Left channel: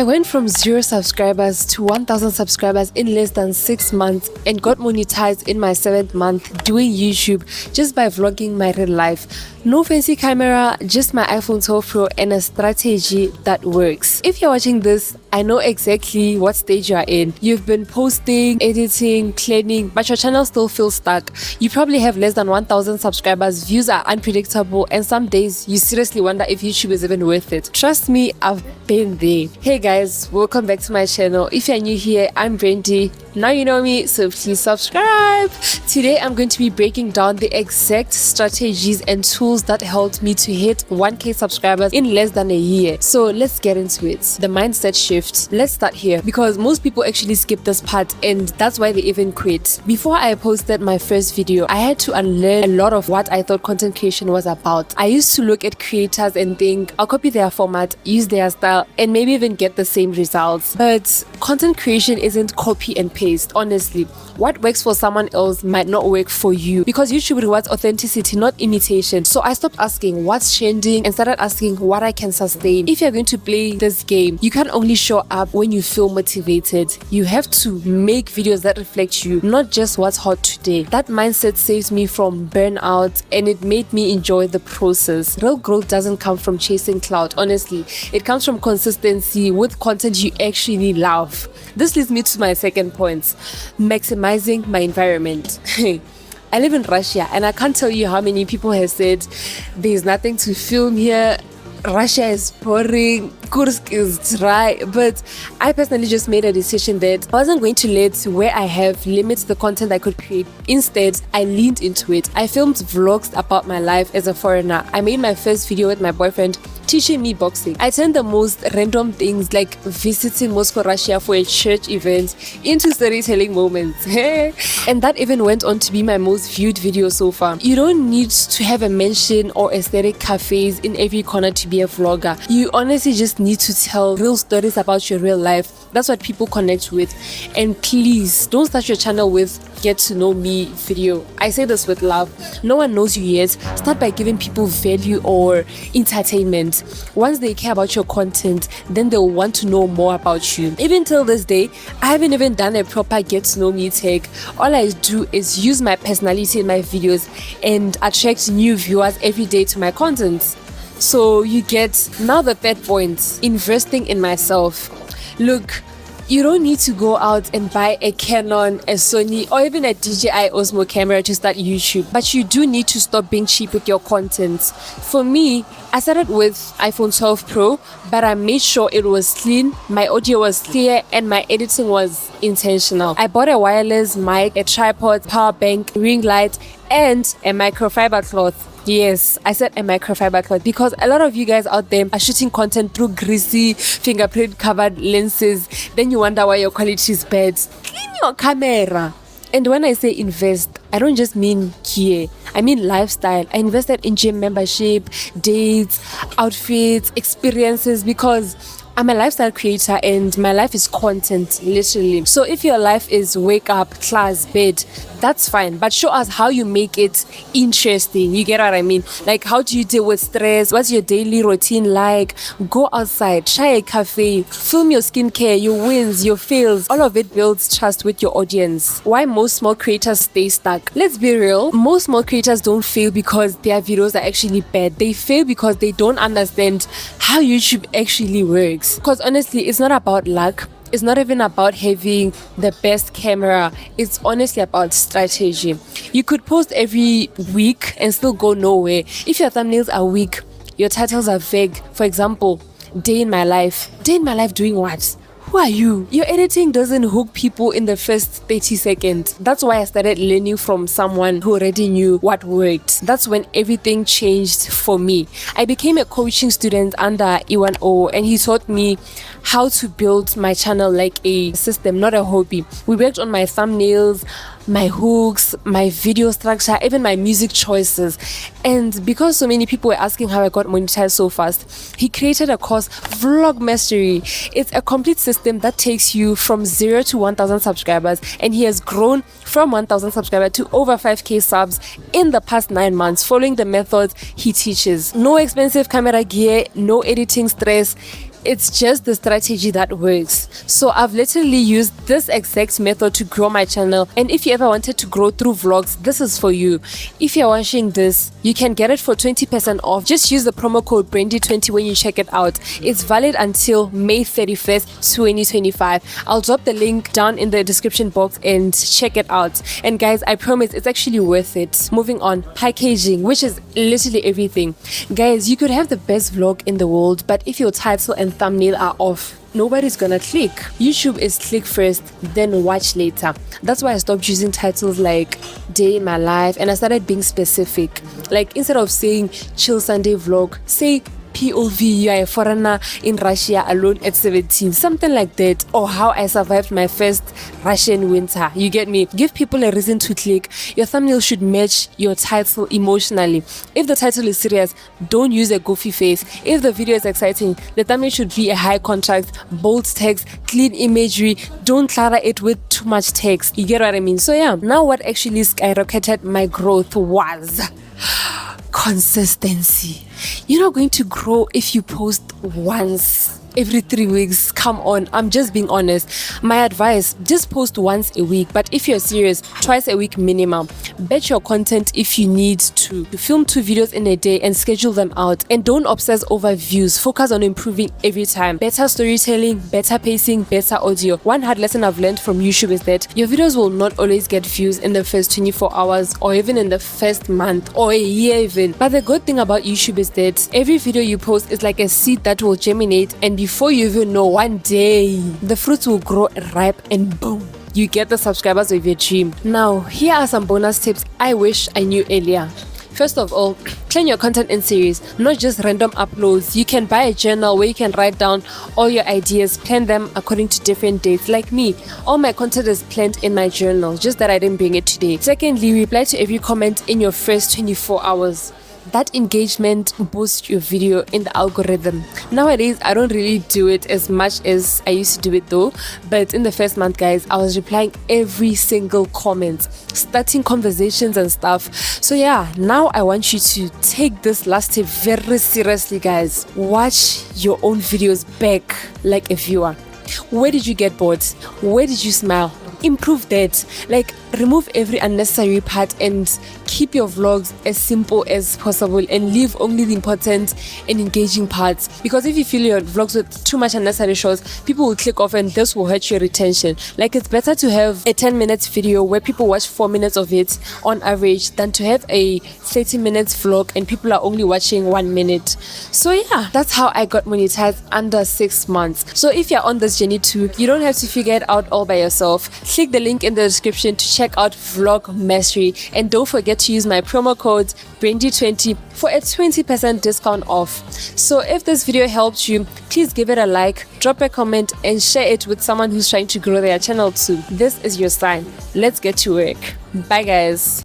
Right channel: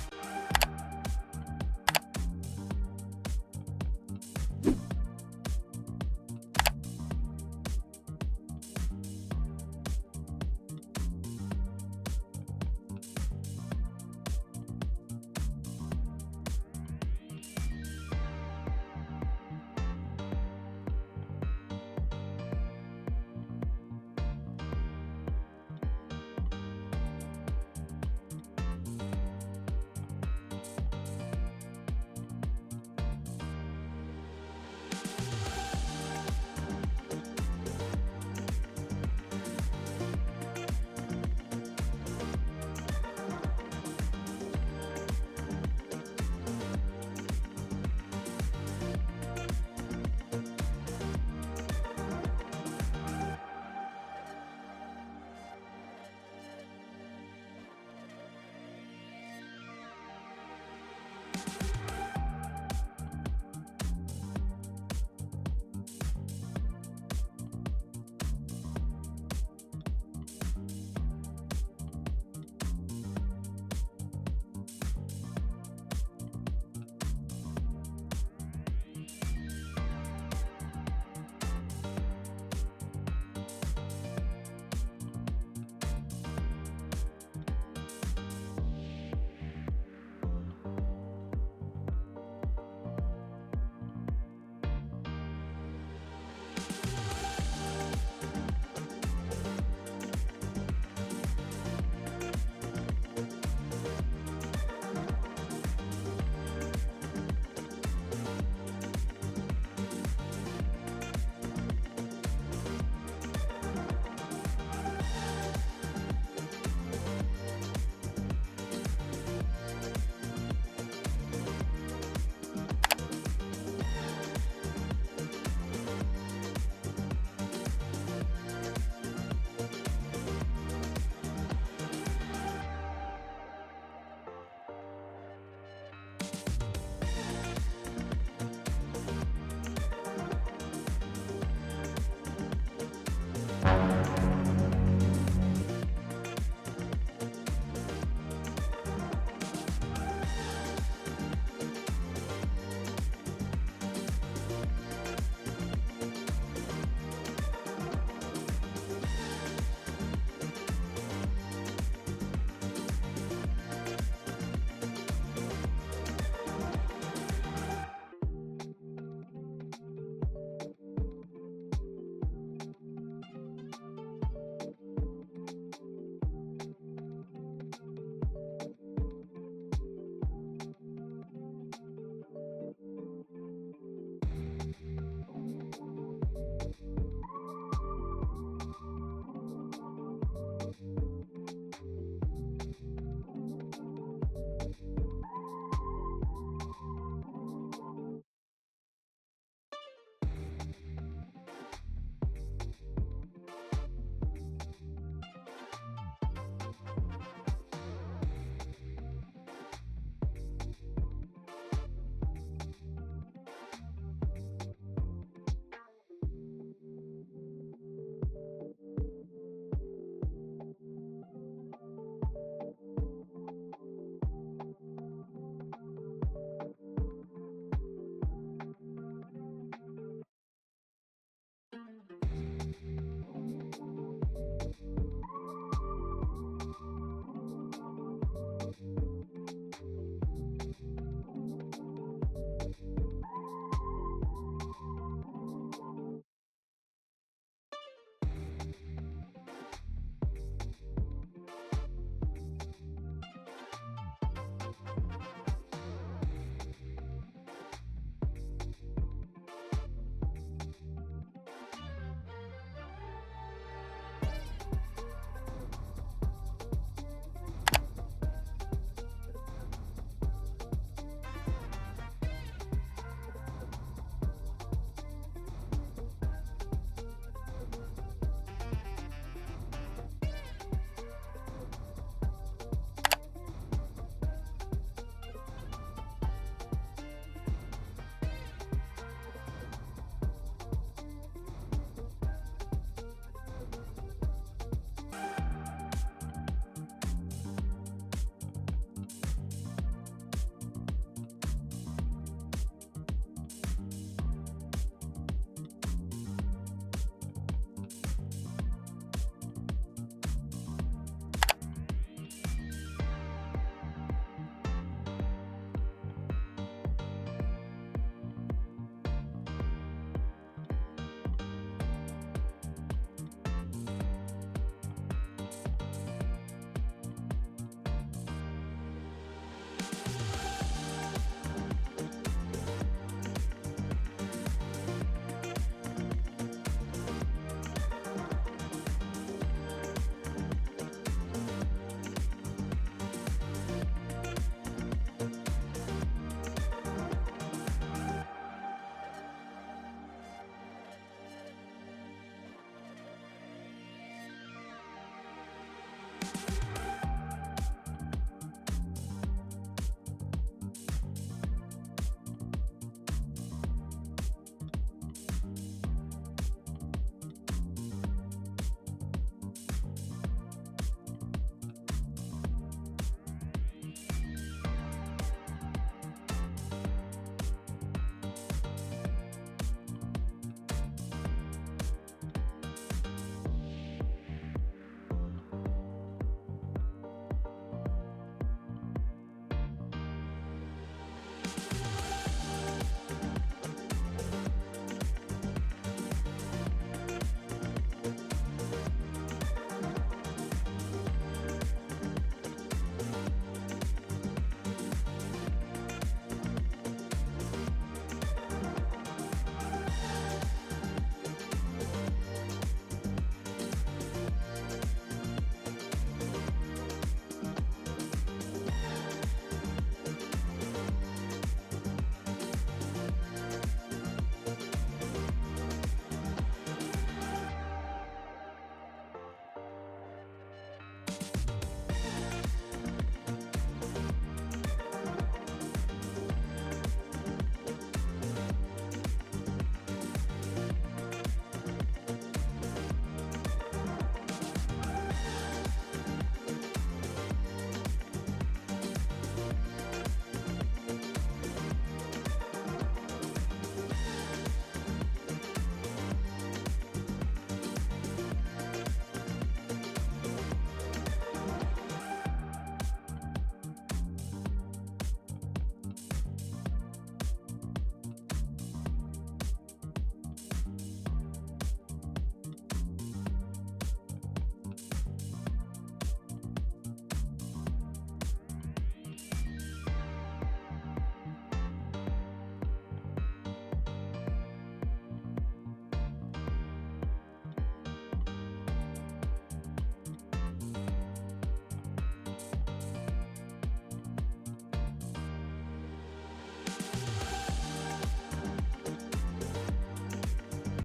I went from 0 subscribers to 1,000 subscribers in less than 6 months and got monetized in my 7th month doing YouTube just by vlogging my real life. No fancy camera, just my iPhone 12 Pro and a strategy that works. If you're watching this, I know exactly what stage you are in. You've been posting, editing, cleaning, but your channel still feels stuck. You probably have less than 1,000 subscribers, views are unpredictable, and some days you seriously wonder if YouTube is even worth it. Trust me, I've been there. Hey guys, welcome back to my channel. If you're new here, I'm Brandy. Now you know me, so please subscribe. Today I'm going to be breaking down the exact strategies and tools that helped me to hit 1k subscribers in less than a year. So let's get into it. The mindset shift. Let's start here because most people actually skip this part and that's why they even quit. Before I posted my first video, I had to unlearn a lot of what I thought content creation was about. I used to look at creators and think, I'll copy their format, use their style, and maybe even get the same results. But content creation isn't copy and paste, honestly. What works for someone else might not work for you because YouTube rewards authenticity, not imitation. So I stopped asking what's trending and started asking what I can sustain. If you're going to play this game, you can't only show up when you feel motivated. You have to make videos that reflect you, not just what's hot today. That mindset saves me from burnout and it made me enjoy the process. Real growth doesn't come from chasing clout, honestly. It comes from consistency with content you actually love. This leads me to my second point, maximizing my environment. I live in Russia and I can't tell you how many people have said there's nothing to film here, Russia is boring, Kursk is dry, but I personally just made a decision that I wasn't going to let where I have limit the content I could create. Instead, I leaned into it. I filmed vlogs about my life as a foreigner. I made my first video with my boyfriend teaching me boxing. I turned the most random things like visiting Moscow, Russia for a church event into storytelling moments. And that even went on to be my most viewed video so far. You don't need to have a mansion or aesthetic cafes in every corner to be a vlogger. You honestly just need to tell real stories about your real life. That's what people connect with. And please don't start your channel with get to know me video. I say this with love. No one knows you yet. Start by giving people value or entertainment. Once they care about your content, then they'll want to know more about you. Even till this day, I haven't even done a proper get to know me tag. All I do is use my personality in my videos and attract new viewers every day to my content. So you get now the third point, investing in myself. Look, you don't need to go out and buy a Canon, a Sony, or even a DJI Osmo camera to start YouTube. But you do need to stop being cheap with your content. For me, I started with iPhone 12 Pro, but I made sure it was clean, my audio was clear, and my editing was intentional. I bought a wireless mic, a tripod, power bank, ring light, and a microfiber cloth. Yes, I said a microfiber cloth because a lot of you guys out there are shooting content through greasy, fingerprint covered lenses. Then you wonder why your quality is bad. Clean your camera. And when I say invest, I don't just mean gear. I mean lifestyle. I invested in gym membership, dates, outfits, experiences because I'm a lifestyle creator and my life is content, literally. So if your life is wake up, class, bed, that's fine. But show us how you make it interesting. You get what I mean? Like, how do you deal with stress? What's your daily routine like? Go outside, try a cafe, film your skincare, your wins, your fails. All of it builds trust with your audience. Why most small creators stay stuck? Let's be real. Most small creators don't fail because their videos are actually bad. They fail because they don't understand how YouTube actually works. Because honestly, it's not about luck. It's not even about having the best camera. It's honestly about strategy. You could post every week and still go nowhere. If your thumbnails are weak, your titles are vague. For example, day in my life. Day in my life doing what? Who are you? Your editing doesn't hook people in the first 30 seconds. That's why I started learning from someone who already knew what worked. That's when everything changed for me. I became a coaching student under E1O and he taught me how to build my channel like a system, not a hobby. We worked on my thumbnails, my hooks, my video structure, even my music choices. And because so many people were asking how I got monetized so fast, he created a course, Vlog Mastery. It's a complete system that takes you from 0 to 1,000 subscribers, and he has grown from 1,000 subscribers to over 5k subs in the past 9 months following the methods he teaches. No expensive camera gear, no editing stress. It's just the strategy that works. So I've literally used this exact method to grow my channel, and if you ever wanted to grow through vlogs, this is for you. If you're watching this, you can get it for 20% off. Just use the promo code Brandy20 when you check it out. It's valid until May 31st, 2025. I'll drop the link down in the description box and check it out. And guys, I promise it's actually worth it. Moving on, packaging, which is literally everything. Guys, you could have the best vlog in the world, but if your title and thumbnail are off, nobody's gonna click. YouTube is click first, then watch later. That's why I stopped using titles like day in my life and I started being specific. Like instead of saying chill Sunday vlog, say POV, you are a foreigner in Russia alone at 17, something like that, or how I survived my first Russian winter. You get me? Give people a reason to click. Your thumbnail should match your title emotionally. If the title is serious, don't use a goofy face. If the video is exciting, the thumbnail should be a high contrast, bold text, clean imagery. Don't clutter it with too much text. You get what I mean? So yeah, now what actually skyrocketed my growth was consistency. You're not going to grow if you post once every 3 weeks. Come on, I'm just being honest. My advice, just post once a week, but if you're serious, twice a week minimum. Batch your content if you need to. Film 2 videos in a day and schedule them out, and don't obsess over views. Focus on improving every time. Better storytelling, better pacing, better audio. One hard lesson I've learned from YouTube is that your videos will not always get views in the first 24 hours or even in the first month or a year even. But the good thing about YouTube is that every video you post is like a seed that will germinate, and before you even know, one day the fruits will grow ripe and boom, you get the subscribers of your dream. Now, here are some bonus tips I wish I knew earlier. First of all, plan your content in series, not just random uploads. You can buy a journal where you can write down all your ideas, plan them according to different dates. Like me, all my content is planned in my journal, just that I didn't bring it today. Secondly, reply to every comment in your first 24 hours. That engagement boosts your video in the algorithm. Nowadays, I don't really do it as much as I used to do it though. But in the first month, guys, I was replying every single comment, starting conversations and stuff. So yeah, now I want you to take this last tip very seriously, guys. Watch your own videos back like a viewer. Where did you get bored? Where did you smile? Improve that. Like, remove every unnecessary part and keep your vlogs as simple as possible and leave only the important and engaging parts. Because if you fill your vlogs with too much unnecessary shows, people will click off and this will hurt your retention. Like, it's better to have a 10 minutes video where people watch 4 minutes of it on average than to have a 30 minutes vlog and people are only watching 1 minute. So yeah, that's how I got monetized under 6 months. So if you're on this journey too, you don't have to figure it out all by yourself. Click the link in the description to check out Vlog Mastery, and don't forget to use my promo code Brandy20 for a 20% discount off. So if this video helped you, please give it a like, drop a comment, and share it with someone who's trying to grow their channel too. This is your sign. Let's get to work. Bye guys.